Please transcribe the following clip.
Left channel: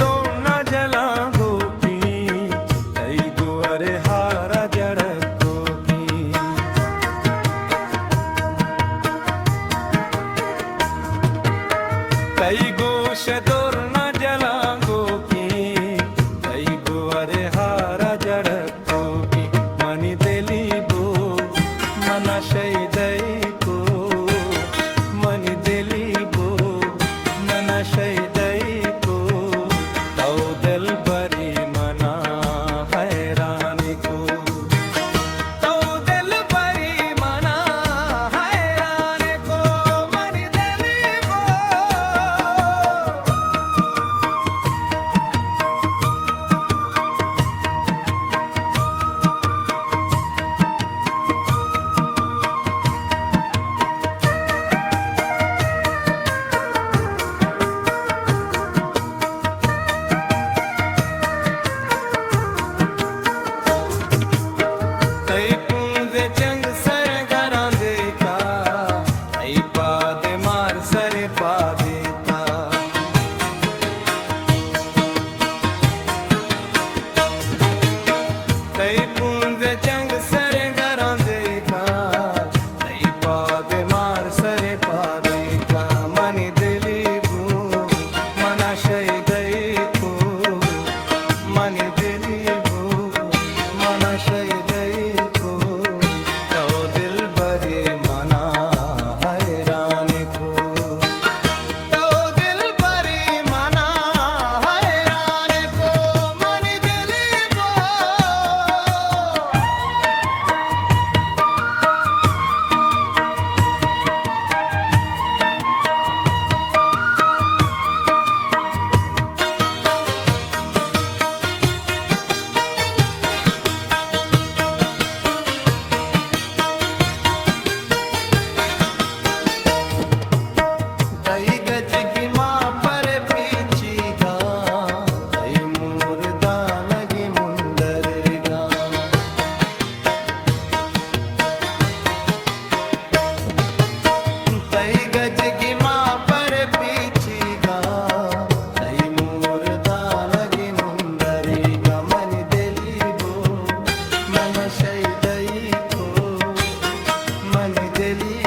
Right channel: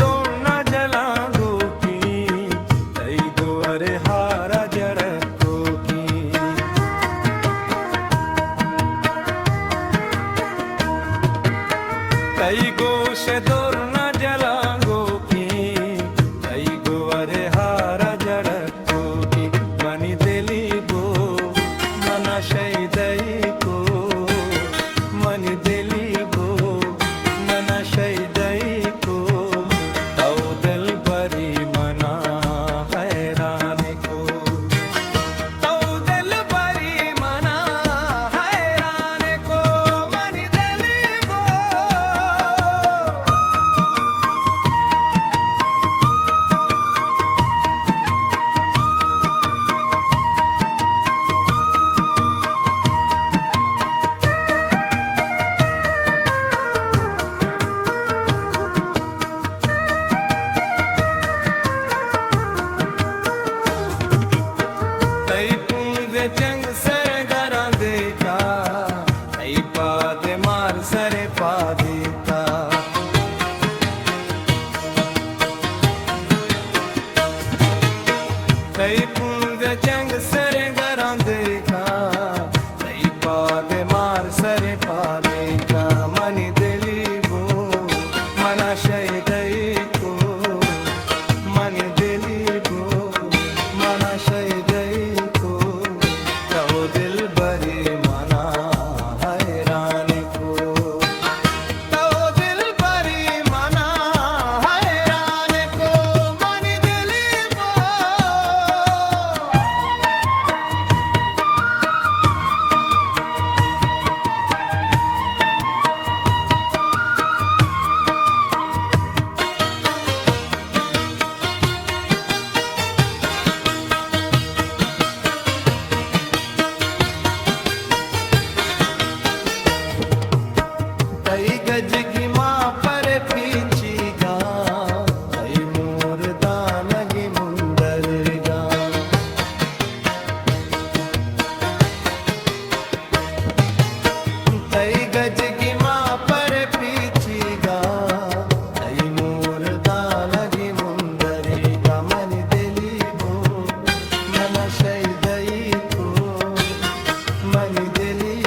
दोना जला गोपी तई गोरे हारा जड़ गोपी तई गोश दोना जला गोपी तई गोरे हारा जड़ गोपी मनी दिली बो मना शैदई को मनी दिली बो मना शैदई को तो दिल बरी मना हैरान को तो दिल बरी मना हैरान को मनी दिली बो तई पूंदे चंग सर घरां देता तई पादे मार सरे पा देता तई पूंदे चंग सर घरां देता तई पादे मार सरे पा देता मनी दिली बो मना शैदई को मनी दिली बो मना शैदई को तो दिल बरी मना हैरान को तो दिल बरी मना हैरान को मनी दिली बो तई गज की माँ पर पीछी गा तई मोर दानगी मुंदर गा तई गज की माँ पर पीछी गा तई मोर दानगी मुंदर गा मनी दिली बो मन शैदई को मनी दिली